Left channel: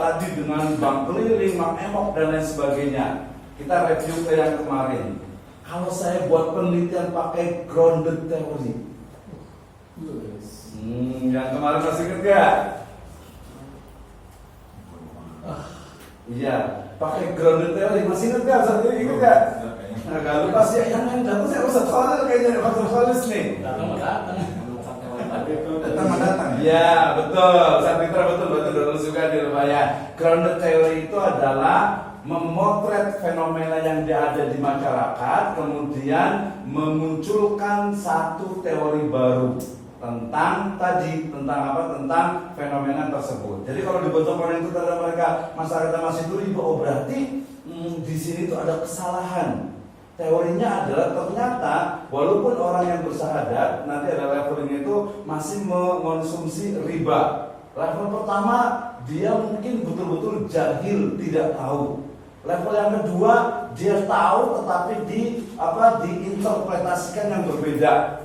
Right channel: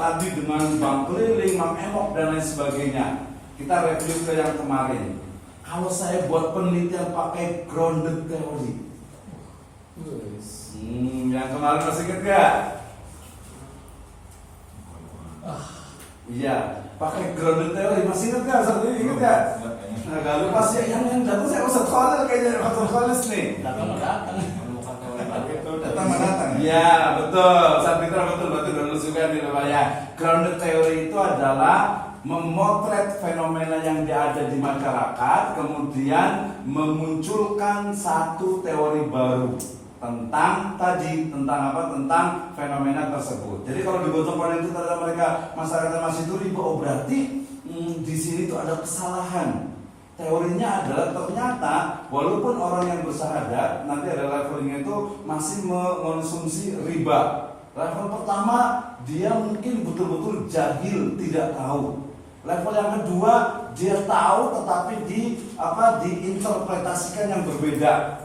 tadi dengan bank keliling, bank emok dan lain sebagainya. Kita review ke yang kemarin. Kalau saya buat penelitian pakai grounded theory, yang kemarin masih ingat gak? Iya, pakai grounded theory masih ingat gak? Saat ini ingat gak? Gak lupa sih, yang datang saya usah soalnya kayaknya Pak Solis nih. Datang. Iya, betul. Saat itu betul dulu juga di Raya. Grounded theory itu adalah memotret fenomena yang ada di masyarakat, kemudian memunculkan satu teori baru tentang apa? Tentang fenomena tersebut. Jadi kalau di Gojong itu terhadap mereka masyarakat masih itu riba, berarti di sini itu ada kesalahan. Teorinya adalah ternyata walaupun orang yang bersahadat nanti ada levelnya itu masih mengonsumsi riba. Level pertama dia mungkin betul-betul jahil, tidak tahu. Level yang kedua dia tahu tetapi diinterpretasikan yang berbeda.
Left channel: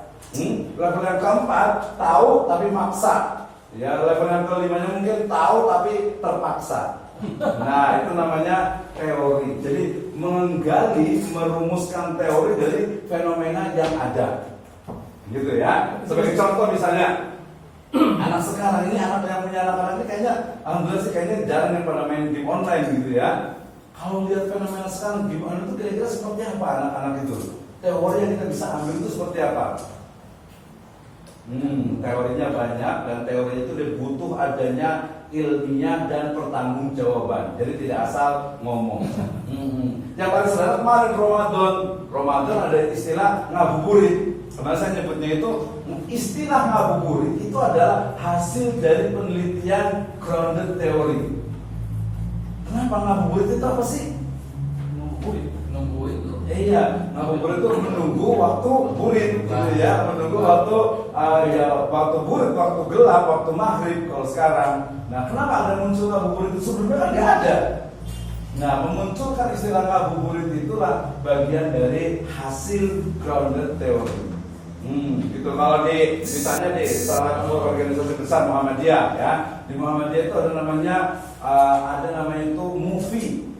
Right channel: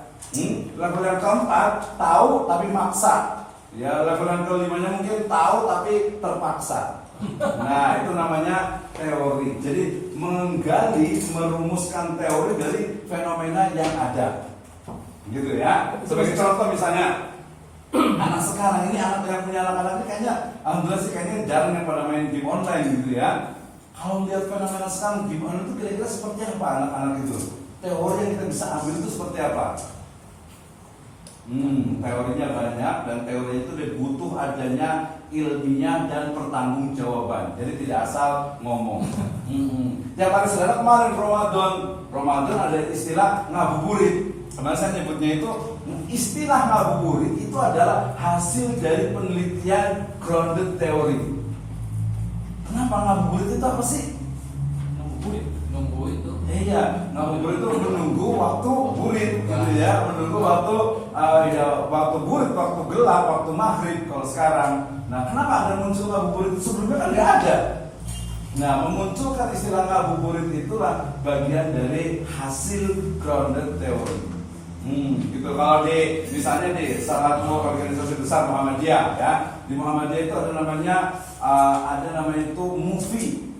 Level yang keempat tahu tapi maksa. Ya, level yang kelimanya mungkin tahu tapi terpaksa. Nah, itu namanya teori. Jadi menggali, merumuskan teori dari fenomena yang ada. Gitu ya. Sebagai contoh misalnya, anak sekarang ini, anak yang punya anak-anak ini kayaknya alhamdulillah sih kayaknya jarang yang pada main game online gitu ya. Kalau lihat fenomena sekarang game online itu kira-kira seperti apa anak-anak itu? Teori yang kita bisa ambil itu seperti apa? Teorinya banyak dan teorinya itu butuh adanya ilmiah dan pertanggungjawaban. Jadi tidak asal ngomong. Yang paling sederhana kemarin Ramadan ada istilah ngabuburit. Kemarin saya nyebutnya itu istilah ngabuburit itu adalah hasil dari penelitian grounded theory. Kenapa ngabuburit itu apa sih? Nunggu itu. Iya, ngabuburit itu menunggu waktu burit, gitu ya, menunggu waktu waktu burit, waktu gelap, waktu maghrib kalau sekarang. Nah, kenapa ada muncul ngabuburit itu? Sebelumnya kan nggak ada. Nah, memunculkan istilah ngabuburit itulah bagian dari hasil grounded theory. Gitu. Kalau misalnya di salah satu organisasi besar Muhammadiyah, ya, di Muhammadiyah itu ada namanya itu movie.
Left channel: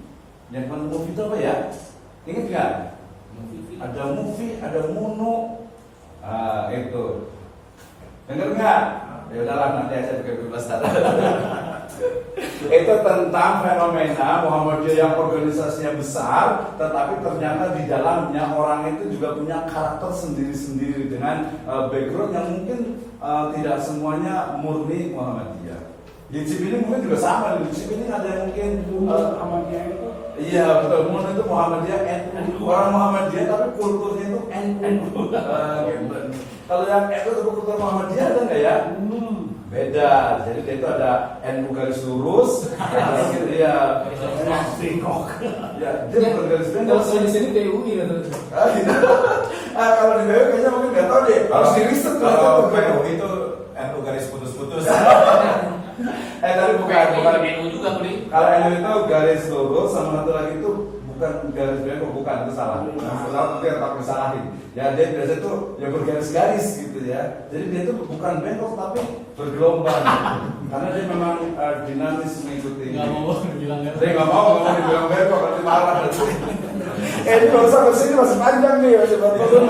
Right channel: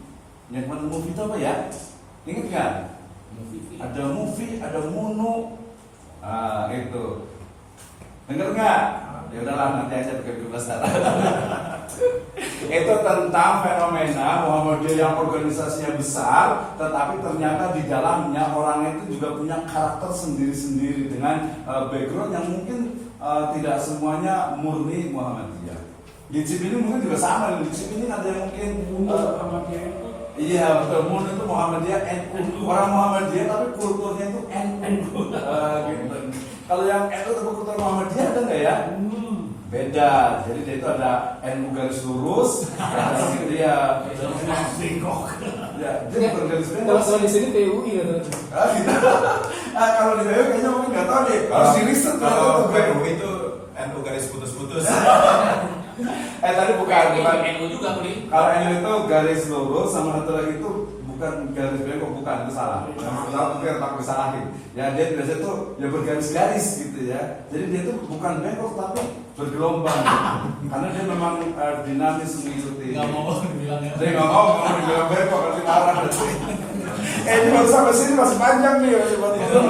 Yang mana movie itu apa ya? Ingat nggak? Ada movie, ada munu. Itu. Dengar nggak? Ya udahlah, nanti aja pakai 12 data. Itu tentang fenomena Muhammadiyah yang organisasinya besar, tetapi ternyata di dalamnya orang itu juga punya karakter sendiri-sendiri dengan background yang mungkin tidak semuanya murni Muhammadiyah. Di Cibinong mungkin juga sama. Di Cibinong ada yang mungkin Muhammadiyah itu. Iya betul, murni itu Muhammadiyah NU. Orang Muhammadiyah tapi kulturnya itu NU. Kalau yang NU tapi kultur Muhammadiyah ada nggak ya? Beda. Jadi dia itu ada NU garis lurus, dia bengkok. Ya, dia bukan garis bengkok. Kalau di sini TUI ya. Kalau di TUI kayaknya mungkin nggak tahu deh. Harus di riset kalau TUI itu NU garis putus-putus. Tadi bukan NU juga beli. Kalau NU itu garis lurus, sama satu lagi itu bukan garis bengkok, bukan, itu salah. Salah nanti takut disalahin. Ya dia biasa itu ya bergaris-garis gitu ya. Jadi dia itu bukan bengkok tapi bergelombang. Karena dia memang dinamis mengikuti. Nggak mau dibilang ya. Dia nggak mau dibilang bengkok, nanti marah. Ini baru sampai sini masih panjang nih, masih panjang.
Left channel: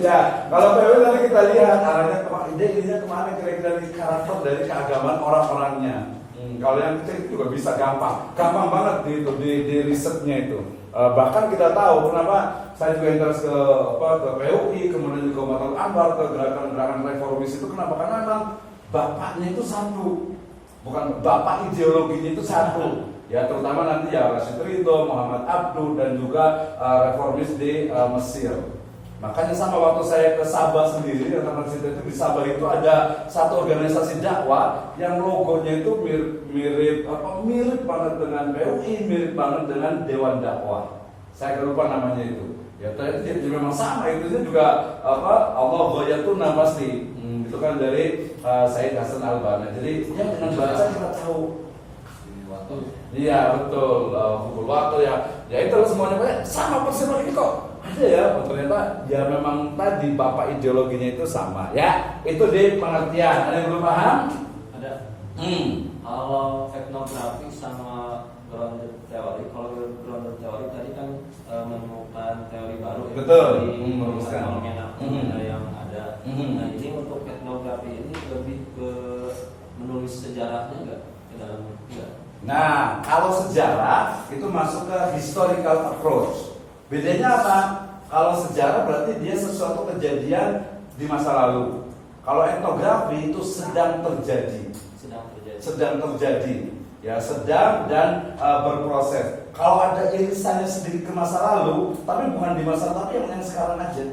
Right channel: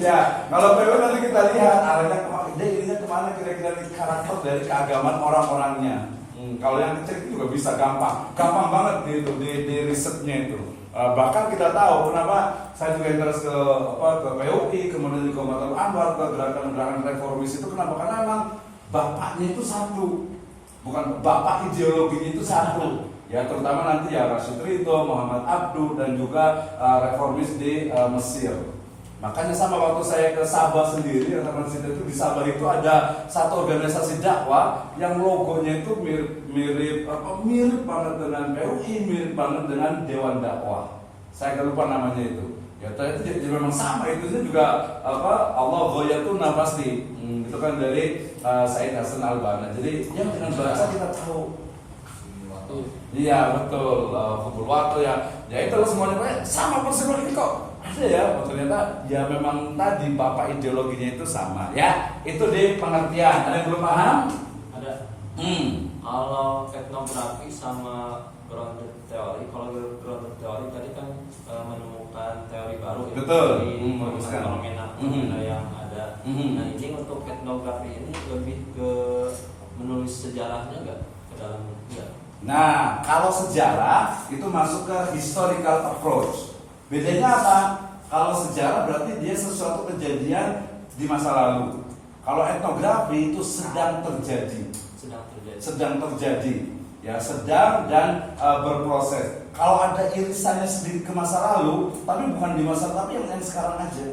Ya, kalau PW nanti kita lihat arahnya ide-idenya kemana kira-kira di karakter dari keagamaan orang-orangnya. Kalau yang kecil itu juga bisa gampang banget di risetnya itu. Bahkan kita tahu kenapa saya juga interest ke PUI, kemudian juga ke Matul Anwar, ke gerakan-gerakan reformis itu kenapa? Karena memang bapaknya itu satu, bukan bapak ideologinya itu satu. Ya terutama nanti ya Rashid Ridho, Muhammad Abduh dan juga reformis di Mesir. Makanya sama waktu saya ke Sabah sendiri, teman kita itu di Sabah itu ada satu organisasi dakwah yang logonya itu mirip banget dengan PUI, mirip banget dengan Dewan Dakwah. Saya nggak lupa namanya itu. Ya ternyata jadi memang sama, itu juga Allah Ghoyatuna pasti. Itu kan dari Said Hasan Al-Banna. Jadi ya dengan baca kita tahu. Iya betul, pukul waktu ya. Ya itu semuanya sama persis ini kok. Ada ya, ternyata ya memang tadi bapak ideologinya itu sama ya. Itu di pengertian. Ada yang belum paham? Ada. etnografi sama grounded teori. Kalau grounded teori tadi kan menemukan teori baru ya, Betul. dari Merumuskan. fenomena yang ada. Mhm. Nah ini untuk etnografi ini lebih ke menulis sejarahnya nggak ke dalamnya? Nggak. Nah, kalau sejarah itu masuk ke historical approach. Bedanya apa? Kalau sejarah berarti dia sesuatu kejadian di masa lalu. Kalau etnografi itu sedang terjadi. Sedang terjadi, ya sedang dan berproses. Kalau ada irisannya sendiri ke masa lalu, tapi bukan di masa tapi yang sekarang aja.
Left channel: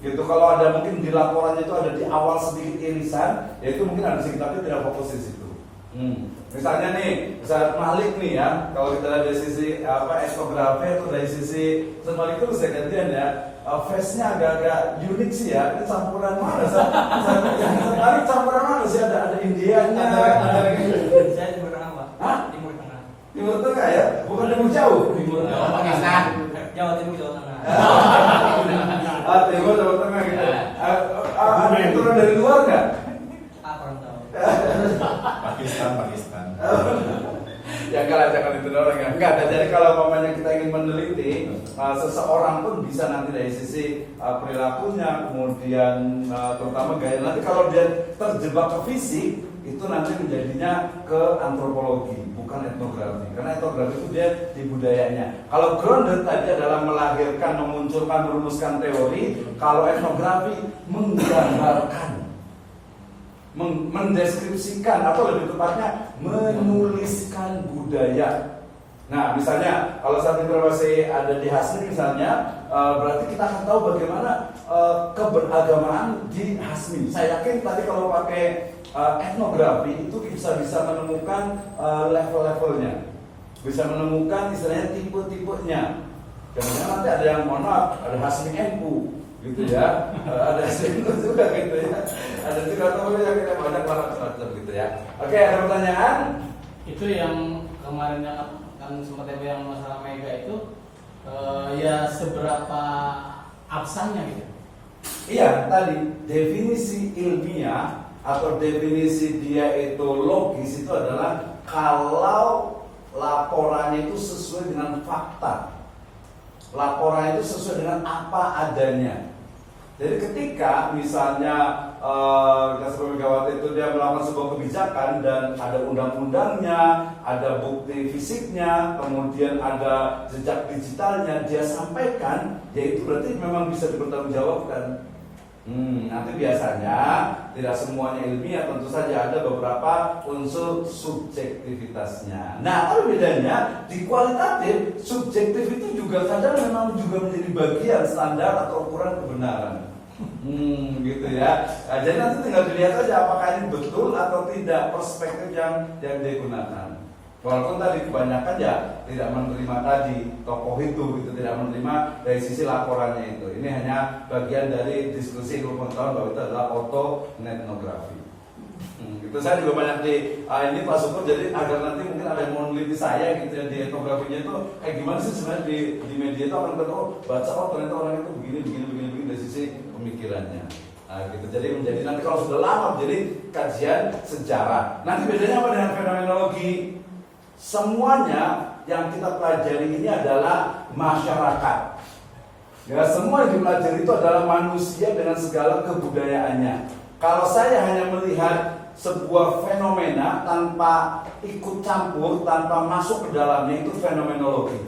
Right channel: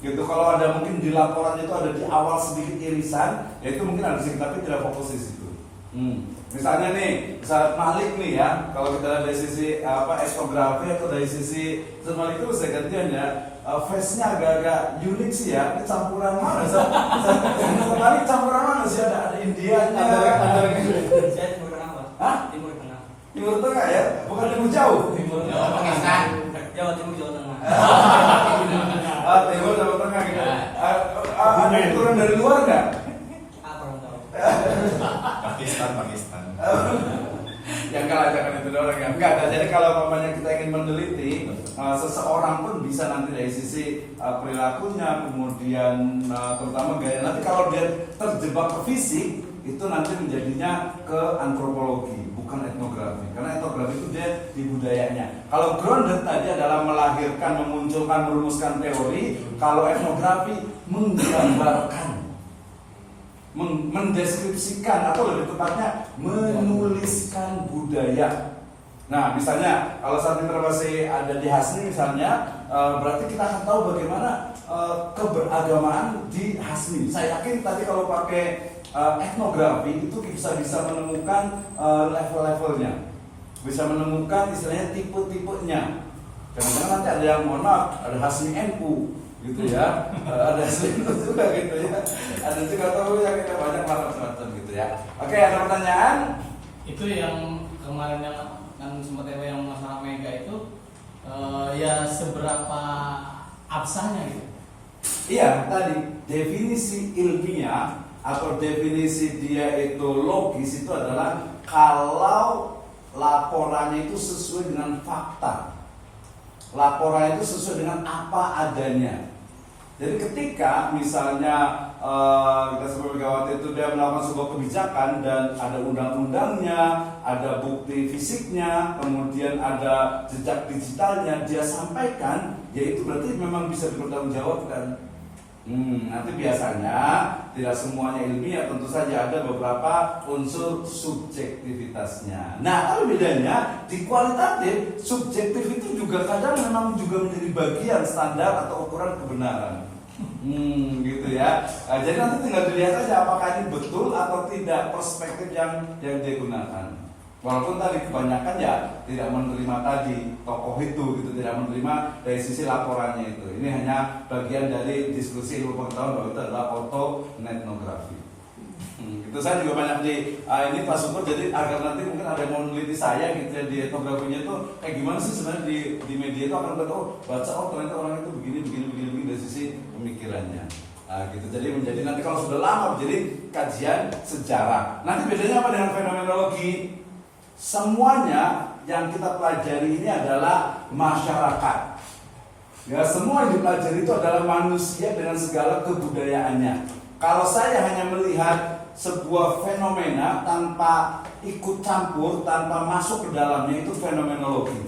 Gitu. Kalau ada mungkin di laporannya itu ada di awal sedikit irisan, ya itu mungkin ada sedikit tapi tidak fokus di situ. Misalnya nih, Ustaz Malik nih ya, kalau kita lihat dari sisi etnografi atau dari sisi Ustaz Malik itu saya gantian ya, face-nya agak-agak unik sih ya. Ini campuran mana sih? Ustaz Malik campuran mana sih? Ada Indianya, ada Saya timur tengah, Pak. Hah? Timur tengah. Timur Tengah ya, bukan timur jauh. Timur Jawa Pakistan. Jawa Timur, Jawa Tengah. Timur Jawa Tengah gitu. Ada turun dari luar nggak? Kurang tahu. Pakistan. Ya enggak, jangan itu orang ya. Enggak, jadi kalau umpamanya kita ingin meneliti seseorang pun bisa nanti dari sisi perilakunya, kemudian terutama gaya. Nanti kalau dia terjebak ke fisik, itu nanti menjadinya ke antropologi, bukan etnografi. Karena etnografi itu dia di budayanya. Kalau grounded tadi adalah melahirkan, memunculkan, merumuskan teori. Kalau etnografi menggambarkan, mendeskripsikan atau lebih tepatnya menuliskan budaya. Nah, misalnya kalau saat ini masih ada di Hasmi misalnya, berarti kita akan tahu bagaimana keberagamaan di Hasmi. Saya yakin tadi kalau pakai etnografi itu bisa menemukan level-levelnya, bisa menemukan istilahnya tipe-tipenya. Jangan-jangan nanti ada yang mohon maaf, ada Hasmi NU gitu ya, ada Hasmi NU juga gitu ya, ada juga tahu yang kita banyak macam gitu ya. Oke, ada pertanyaan? Itu yang kemarin yang sempat yang masalah mega itu ya seberapa absahnya gitu. Iya, tadi definisi ilmiah atau definisi dia itu logis itu adalah kalau laporannya itu sesuai dengan fakta. Laporan itu sesuai dengan apa adanya. Jadi ketika misalnya kita sebagai Megawati itu dia melakukan sebuah kebijakan dan ada undang-undangnya, ada bukti fisiknya, kemudian ada jejak digitalnya, dia sampaikan, ya itu berarti memang bisa dipertanggungjawabkan. Nanti biasanya tidak semuanya ilmiah, tentu saja ada beberapa unsur subjektivitasnya. Nah, apa bedanya? Di kualitatif, subjektif itu juga kadang memang juga menjadi bagian standar atau ukuran kebenaran. Gitu ya. Nah, jadi nanti tinggal dilihat aja apakah ini betul atau tidak perspektif yang digunakan. Walaupun tadi kebanyakan ya tidak menerima tadi tokoh itu gitu, tidak menerima dari sisi laporannya itu. Ini hanya bagian dari diskusi ilmu pengetahuan bahwa itu adalah autoetnografi. Itu saya juga banyak di ini Pak Syukur, jadi agar nanti mungkin ada yang mau meneliti saya gitu ya di etnografinya itu kayak gimana sih sebenarnya di media itu akan baca ternyata orang itu begini dari sisi pemikirannya. Nah, gitu. Jadi menjadi nanti kalau sudah lama jadi kajian sejarah. Nanti bedanya apa dengan fenomenologi? Semuanya yang kita pelajari ini adalah masyarakat. Ya, semua yang dipelajari itu adalah manusia dengan segala kebudayaannya. Kalau saya hanya melihat sebuah fenomena tanpa ikut campur, tanpa masuk ke dalamnya, itu fenomenologi.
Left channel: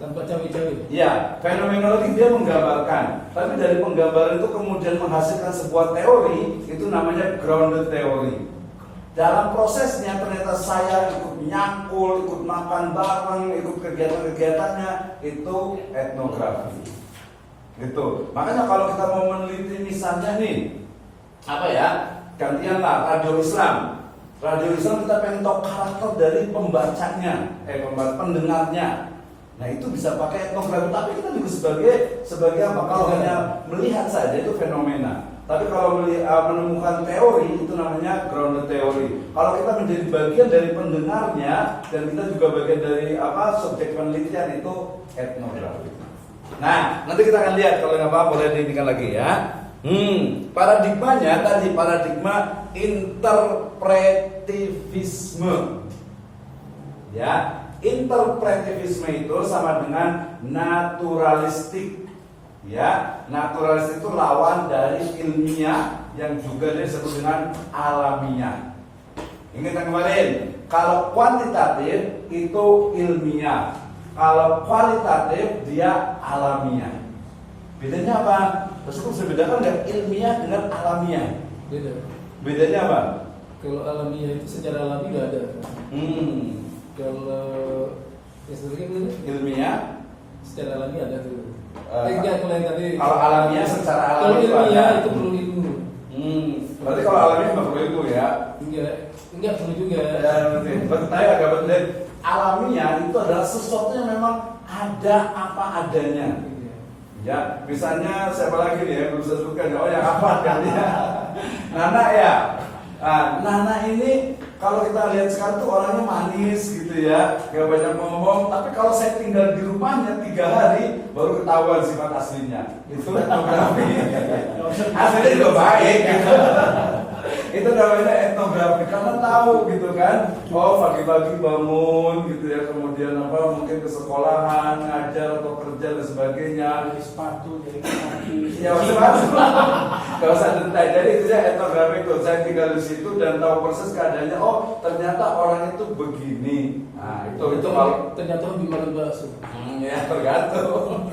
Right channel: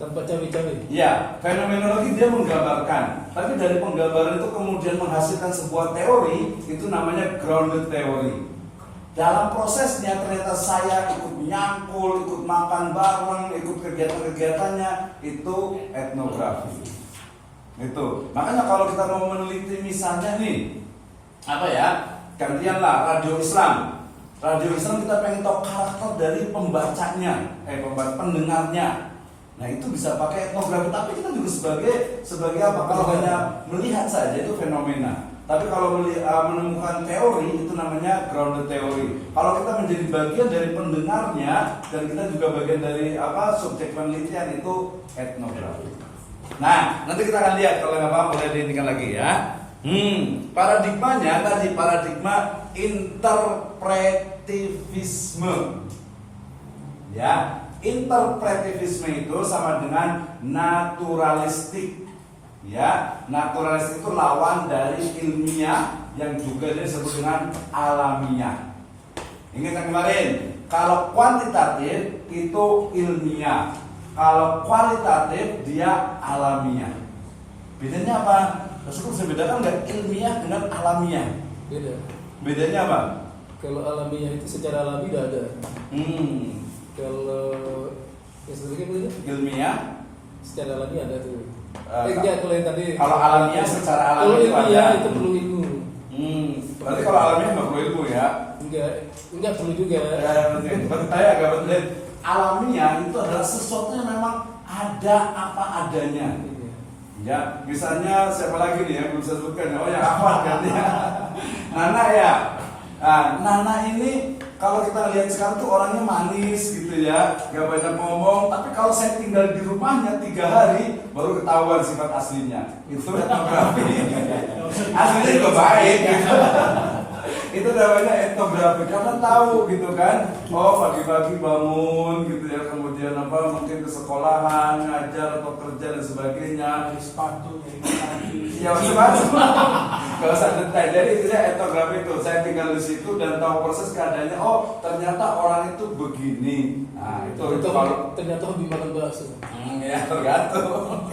Tanpa cawi-cawi. Ya, fenomenologi dia menggambarkan. Tapi dari penggambaran itu kemudian menghasilkan sebuah teori, itu namanya grounded theory. Dalam prosesnya ternyata saya ikut nyangkul, ikut makan bareng, ikut kegiatan-kegiatannya, itu etnografi. Itu. Makanya kalau kita mau meneliti misalnya nih, gantianlah radio Islam. Radio Islam kita pengen tahu karakter dari pembacanya, pendengarnya. Nah itu bisa pakai etnografi, tapi kita juga sebagai apa? Kalau hanya melihat saja itu fenomena. Tapi kalau menemukan teori itu namanya grounded theory. Kalau kita menjadi bagian dari pendengarnya dan kita juga bagian dari subjek penelitian itu etnografi. Nah nanti kita akan lihat kalau nggak paham boleh diinginkan lagi ya. Paradigmanya tadi paradigma interpretivisme. Ya, interpretivisme itu sama dengan naturalistik. Ya, naturalistik itu lawan dari ilmiah yang juga disebut dengan alamiah. Ingat yang kemarin, kalau kuantitatif itu ilmiah, kalau kualitatif dia alamiah. Bedanya apa? Terus bisa bedakan nggak ilmiah dengan alamiah? Beda. Bedanya apa? Kalau alamiah itu secara alami nggak ada. Kalau estetika itu Ilmiah, secara alami ada tuh. Eh, Enggak, kalau yang tadi. kalau alamiah secara Kalau alami itu ilmiah ada. itu perlu ilmu. Berarti kalau alamiah nggak perlu ilmu ya? Enggak perlu juga. Ya, saya agak betul. Alamiah itu adalah sesuatu yang memang ada apa adanya. Ya, misalnya siapa lagi nih ya belum saya sebutkan. Oh, yang apa kan ya? Nana ya. Nah, Nana ini kalau kita lihat sekarang tuh orangnya manis gitu ya, gak banyak ngomong. Tapi kalau saya tinggal di rumahnya 3 hari baru ketahuan sifat aslinya. Itu etnografi. Aslinya juga baik. Itu namanya etnografi karena tahu gitu kan. Oh, pagi-pagi bangun gitu ya, kemudian apa mungkin ke sekolahan, ngajar atau kerja dan sebagainya. Sepatu jadi Ya sepatu. Kalau saya detail, jadi itu etnografi itu. Saya tinggal di situ dan tahu persis keadaannya. Oh, ternyata orang itu begini. Nah, itu kalau ternyata lebih makan bakso. ya tergantung.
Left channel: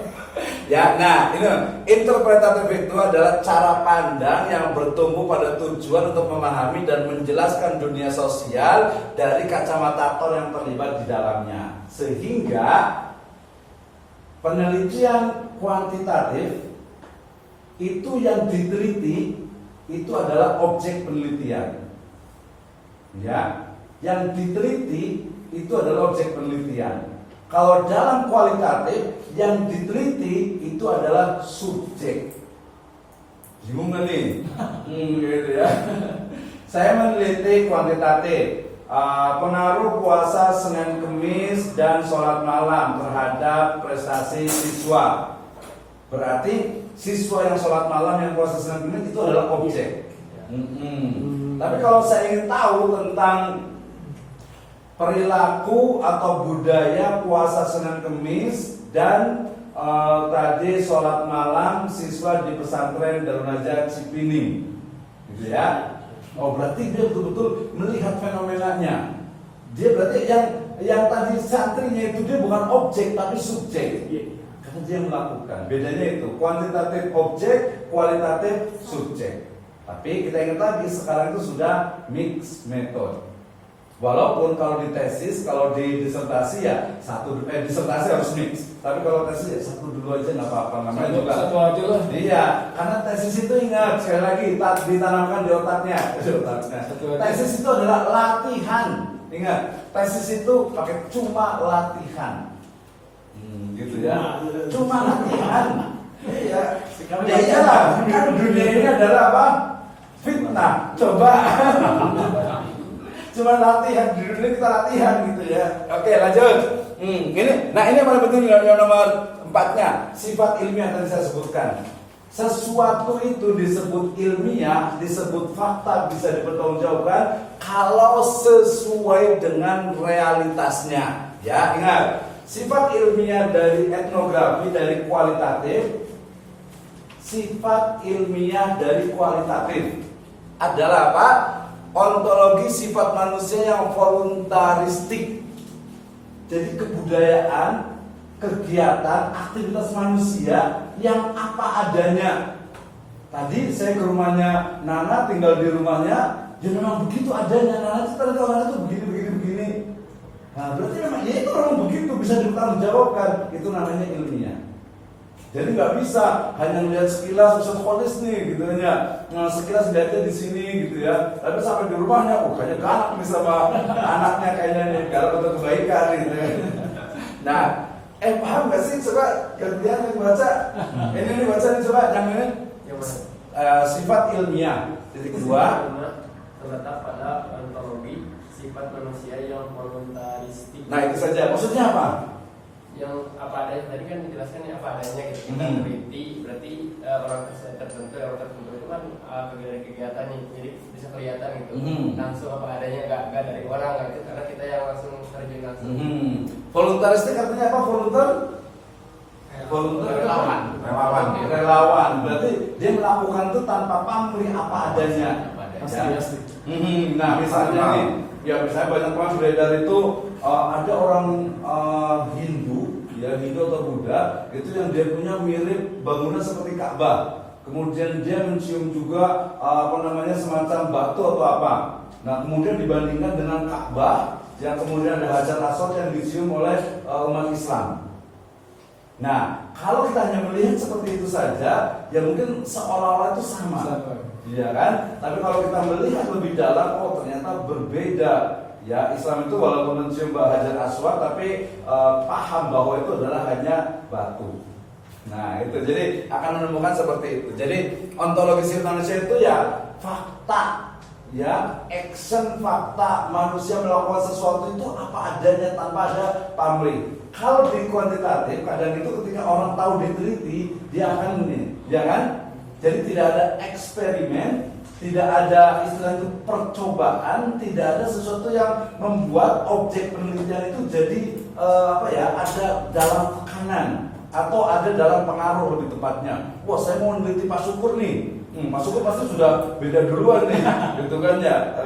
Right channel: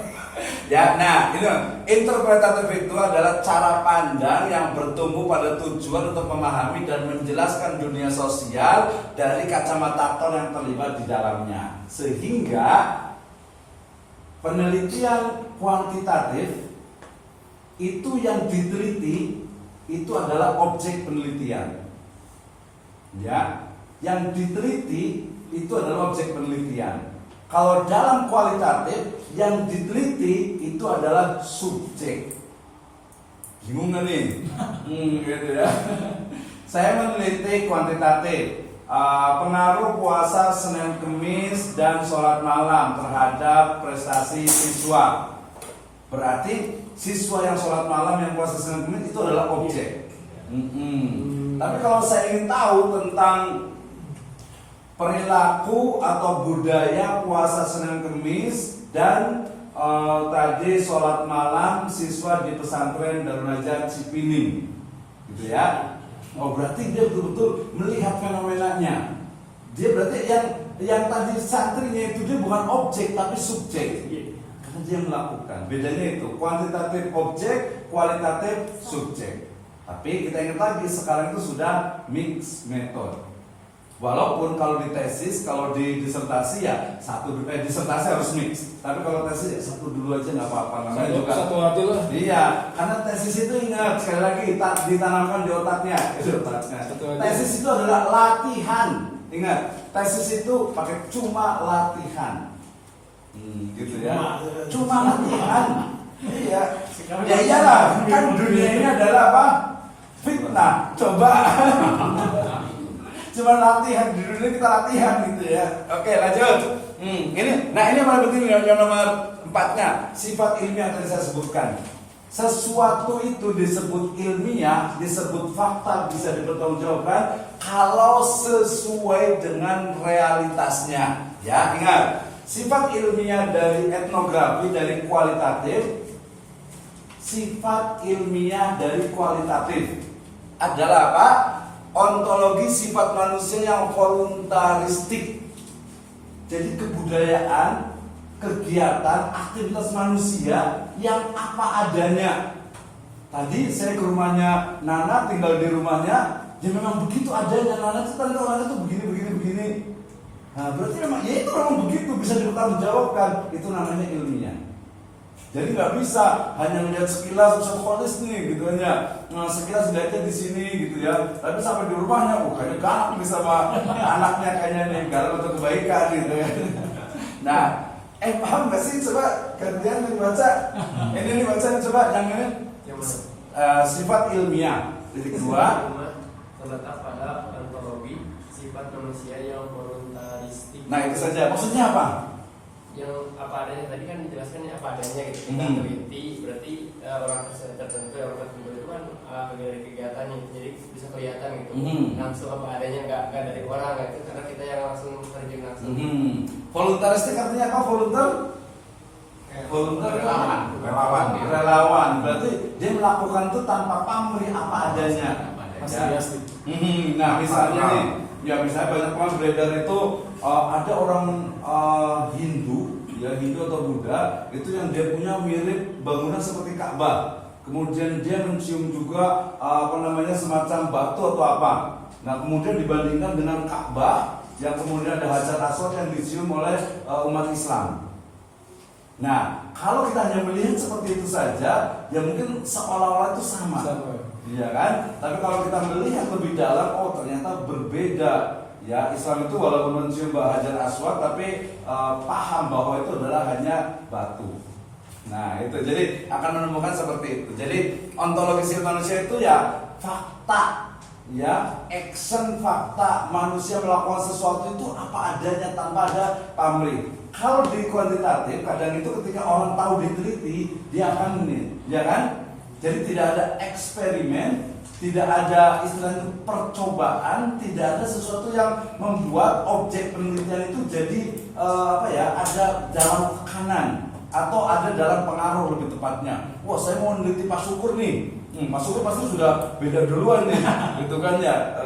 Ya, nah ini interpretatif itu adalah cara pandang yang bertumbuh pada tujuan untuk memahami dan menjelaskan dunia sosial dari kacamata aktor yang terlibat di dalamnya. Sehingga penelitian kuantitatif itu yang diteliti itu adalah objek penelitian. Ya, yang diteliti itu adalah objek penelitian. Kalau dalam kualitatif yang diteliti itu adalah subjek. Bingung nggak nih? Gitu ya. Saya meneliti kuantitatif, pengaruh puasa Senin Kemis dan sholat malam terhadap prestasi siswa. Berarti siswa yang sholat malam yang puasa Senin Kemis itu adalah objek. Tapi kalau saya ingin tahu tentang perilaku atau budaya puasa Senin Kemis dan tadi sholat malam siswa di pesantren Darul Najat Cipini, gitu ya. Oh, berarti dia betul-betul melihat fenomenanya. Dia berarti yang tadi santrinya itu dia bukan objek tapi subjek, karena dia melakukan. Bedanya itu kuantitatif objek, kualitatif subjek. Tapi kita ingat lagi sekarang itu sudah mix method. Walaupun kalau di tesis, kalau di disertasi ya disertasi harus mix. Tapi kalau tesis ya satu dulu aja nggak apa-apa. Namanya juga Satu aja lah. Iya, karena tesis itu ingat sekali lagi ditanamkan di otaknya. Tesis itu adalah latihan. Ingat, tesis itu pakai cuma latihan. Gitu ya. Cuma latihan. Iya. Ya iyalah, kan dunia ini adalah apa? Fitnah. Coba. Cuma latihan, di dunia kita latihan gitu ya. Oke, lanjut. Ini yang paling penting yang nomor 4-nya, sifat ilmiah yang tadi saya sebutkan. Sesuatu itu disebut ilmiah, disebut fakta, bisa dipertanggungjawabkan kalau sesuai dengan realitasnya. Ya, ingat, sifat ilmiah dari etnografi dari kualitatif, sifat ilmiah dari kualitatif adalah apa? Ontologi sifat manusia yang voluntaristik. Jadi kebudayaan, kegiatan, aktivitas manusia yang apa adanya. Tadi saya ke rumahnya Nana, tinggal di rumahnya, dia memang begitu adanya. Nana itu tadi Nana itu begini. Nah, berarti memang ya itu memang begitu, bisa dipertanggungjawabkan. Itu namanya ilmiah. Jadi nggak bisa hanya melihat sekilas kholis nih gitu aja. Nah, sekilas lihatnya di sini gitu ya. Tapi sampai di rumahnya, kayaknya galak nih sama anaknya kayaknya nih, galak untuk kebaikan gitu ya. Nah, paham nggak sih coba kalian yang baca? Ini nih baca nih coba yang ini. Sifat ilmiah. Titik 2. Terletak pada ontologi sifat manusia yang voluntaristik. Nah, itu saja. Maksudnya apa? Yang apa adanya tadi kan dijelaskan ya apa adanya gitu. Kita teliti berarti orang tertentu itu kan kegiatan nih, jadi bisa kelihatan gitu. Langsung apa adanya nggak dari orang gitu, karena kita yang langsung terjun Voluntaristik artinya apa? Volunteer Relawan. relawan. Berarti dia melakukan itu tanpa pamrih, apa adanya. Masih Ya. plastik. Nah misalnya nih, ya misalnya banyak banget beredar itu ada orang Hindu, ya Hindu atau Buddha itu yang dia punya mirip bangunan seperti Ka'bah. Kemudian dia mencium juga semacam batu atau apa. Nah kemudian dibandingkan dengan Ka'bah yang kemudian ada Hajar Aswad yang dicium oleh umat Islam. Nah kalau kita hanya melihat seperti itu saja, ya mungkin seolah-olah itu sama. Iya kan? Tapi kalau kita melihat lebih dalam, oh ternyata berbeda. Ya, Islam itu walaupun mencium Hajar Aswad, tapi paham bahwa itu adalah hanya batu. Nah, itu jadi akan menemukan seperti itu. Jadi ontologi manusia itu ya fakta, ya action fakta, manusia melakukan sesuatu itu apa adanya tanpa ada pamrih. Kalau di kuantitatif, kadang itu ketika orang tahu diteliti, dia akan ini, ya kan? Jadi tidak ada eksperimen, tidak ada istilah itu percobaan, tidak ada sesuatu yang membuat objek penelitian itu jadi ada dalam tekanan atau ada dalam pengaruh lebih tepatnya. Wah saya mau meneliti Pak Syukur nih, Pak Syukur pasti sudah beda duluan nih, gitu kan ya,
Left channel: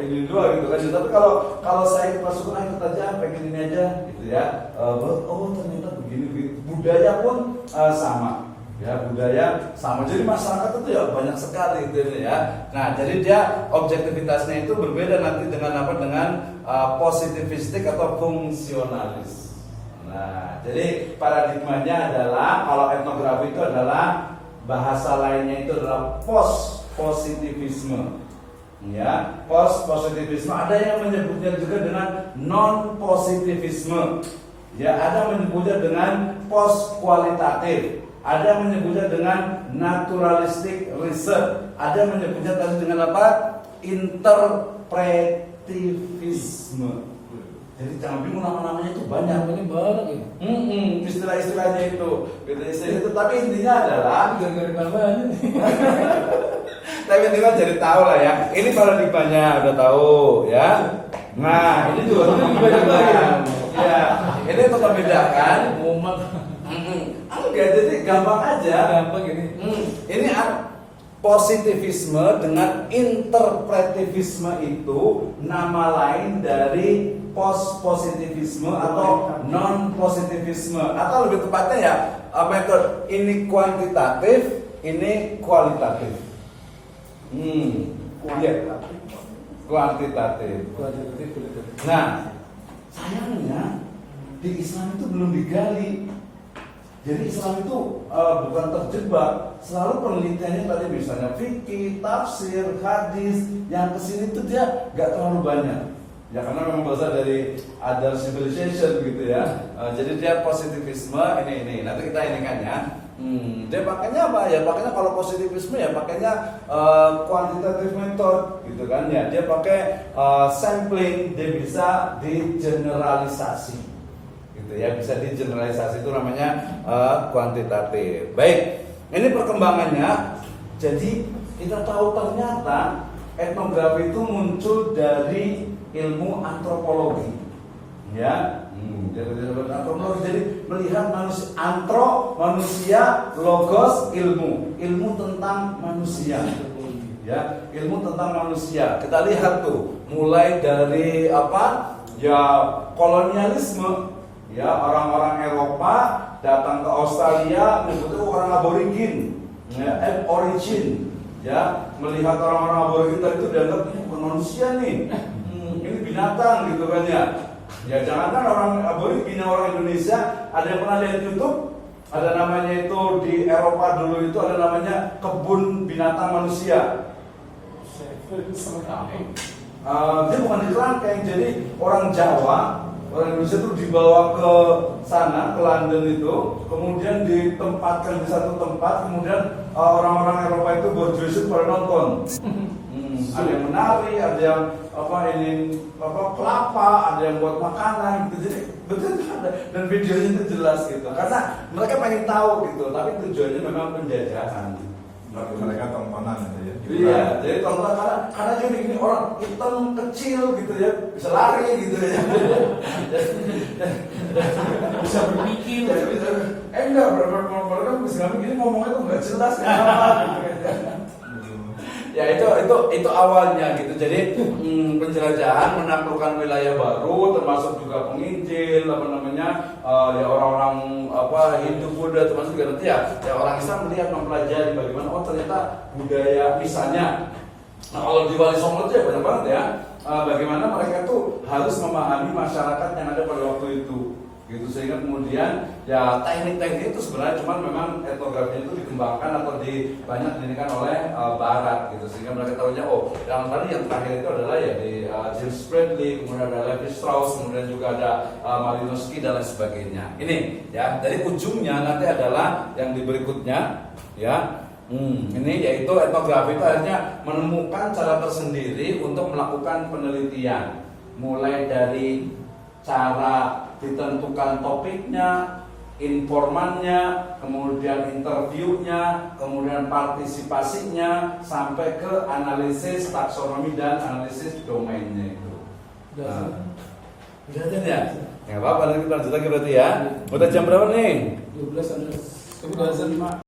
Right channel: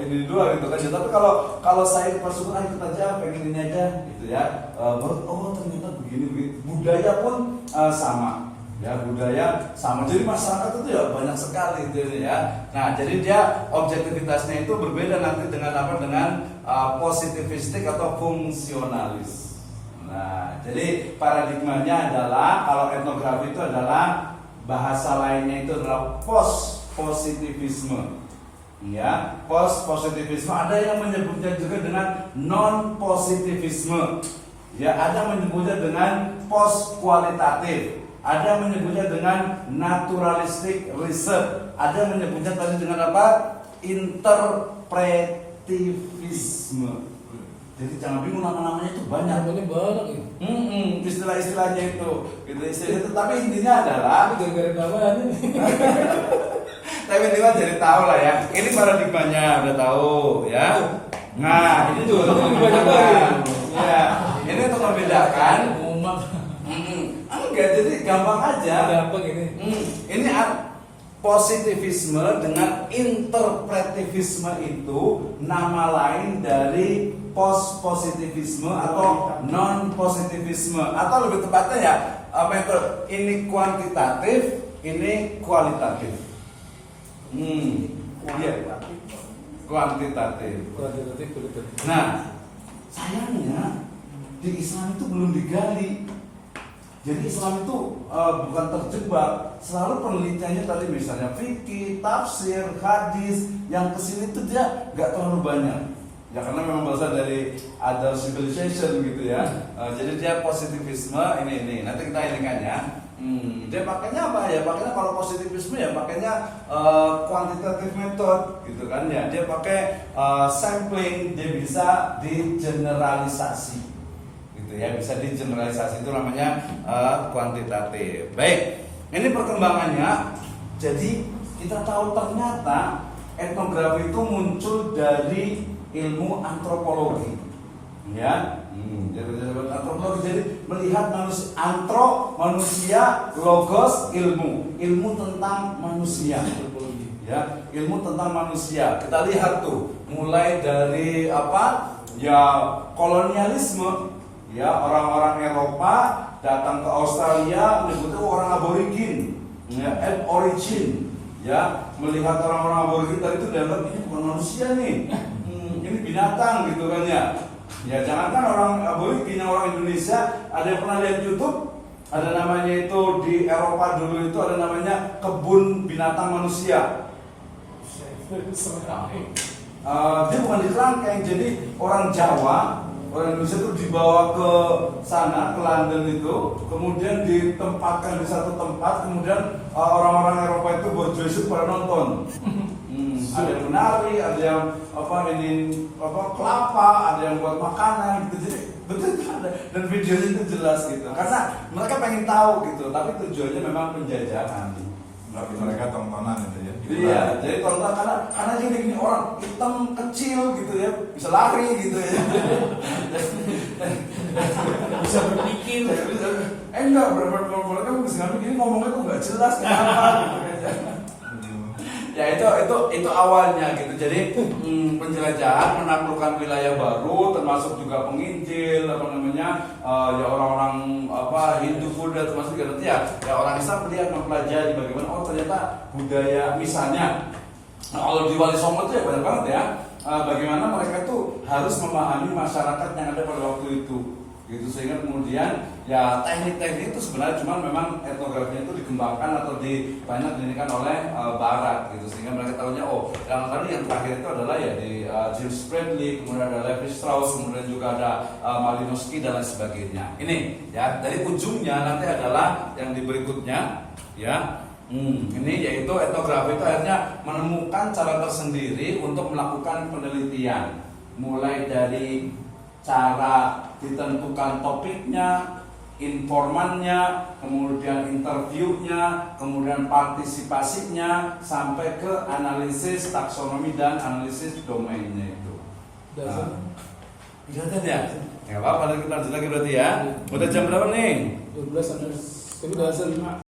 ini duluan gitu kan. Tapi kalau saya Pak Syukur ikut aja, pengen ini aja, gitu ya. Oh ternyata begini. Budaya pun sama. Ya budaya sama, jadi masyarakat itu ya banyak sekali gitu ya. Nah jadi dia objektivitasnya itu berbeda nanti dengan positivistik atau fungsionalis. Nah jadi paradigmanya adalah kalau etnografi itu adalah bahasa lainnya itu adalah post positivisme. Ya post positivisme, ada yang menyebutnya juga dengan non positivisme. Ya ada menyebutnya dengan post kualitatif. Ada menyebutnya dengan naturalistic research. Ada menyebutnya tadi dengan apa? Interpretivisme. Jadi jangan bingung nama-namanya itu banyak. Ini banyak ya. Istilah-istilahnya itu. Gitu istilah itu. Tapi intinya adalah Gara-gara tambahan ini. tapi intinya jadi tahu lah ya. Ini paradigmanya udah tahu ya. Nah ini juga untuk membedakan. Ya, ini untuk membedakan. Umat. Enggak, jadi gampang aja. Gampang ini. Ini positivisme dengan interpretivisme itu nama lain dari post positivisme atau non positivisme, atau lebih tepatnya ya metode ini kuantitatif, ini kualitatif. Kuantitatif. Nah, sayangnya di Islam itu belum digali. Jadi Islam itu bukan terjebak, selalu penelitiannya tadi misalnya fikih, tafsir, hadis, yang kesini itu dia nggak terlalu banyak. Ya karena memang berasal dari other civilization gitu ya. Jadi dia positivisme ini nanti kita ini kan ya. Dia pakainya apa ya? Pakainya kalau positivisme ya pakainya quantitative method gitu kan ya. Dia pakai sampling, dia bisa digeneralisasi. Ya bisa digeneralisasi, itu namanya kuantitatif. Baik, ini perkembangannya. Jadi kita tahu ternyata etnografi itu muncul dari ilmu antropologi, ya. Jadi antropologi, jadi melihat manusia, logos, ilmu tentang manusia, ya, ilmu tentang manusia. Kita lihat tuh, mulai dari apa? Ya kolonialisme. Ya orang-orang Eropa datang ke Australia menyebutnya orang aborigin, ya, origin, ya melihat orang-orang aborigin tadi itu dianggap ini bukan manusia nih, ini binatang gitu kan ya. Ya jangankan orang aborigin, orang Indonesia ada yang pernah lihat YouTube, ada namanya itu di Eropa dulu itu ada namanya kebun binatang manusia. Dia bukan di kerangkeng, jadi orang Jawa. Orang Indonesia itu dibawa ke sana, ke London itu, kemudian ditempatkan di satu tempat, kemudian orang-orang Eropa itu berjoget pada nonton. Ada yang menari, ada yang kelapa, ada yang buat makanan gitu. Jadi betul ada, dan videonya itu jelas gitu. Karena mereka pengen tahu gitu, tapi tujuannya memang penjajahan. Bagi mereka tontonan gitu ya. Iya, jadi tonton karena gini orang hitam kecil gitu ya, bisa lari gitu ya. Bisa berpikir. Enggak, mereka bisa gini ngomongnya tuh nggak jelas kenapa gitu ya. Ya itu awalnya gitu. Jadi penjelajahan menaklukkan wilayah baru, termasuk juga penginjil ya orang-orang Hindu, Buddha, termasuk juga nanti ya orang Islam melihat mempelajari bagaimana ternyata budaya misalnya. Kalau di Wali Songo itu ya banyak banget ya. Bagaimana mereka tuh harus memahami masyarakat yang ada pada waktu itu. Gitu, sehingga kemudian ya teknik-teknik itu sebenarnya cuma memang etnografinya itu dikembangkan atau banyak didirikan oleh Barat gitu, sehingga mereka tahunya yang tadi yang terakhir itu adalah ya di James Bradley, kemudian ada Levi Strauss, kemudian juga ada Malinowski dan lain sebagainya. Ini ya dari ujungnya nanti adalah yang di berikutnya ya. Ini yaitu etnografi itu akhirnya menemukan cara tersendiri untuk melakukan penelitian, mulai dari cara ditentukan topiknya, informannya, kemudian interviewnya, kemudian partisipasinya, sampai ke analisis taksonomi dan analisis domainnya itu. Kelihatan ya? Nggak apa-apa, lanjut lagi berarti ya. Udah jam berapa nih? 12 ada. Tapi bahasa 5.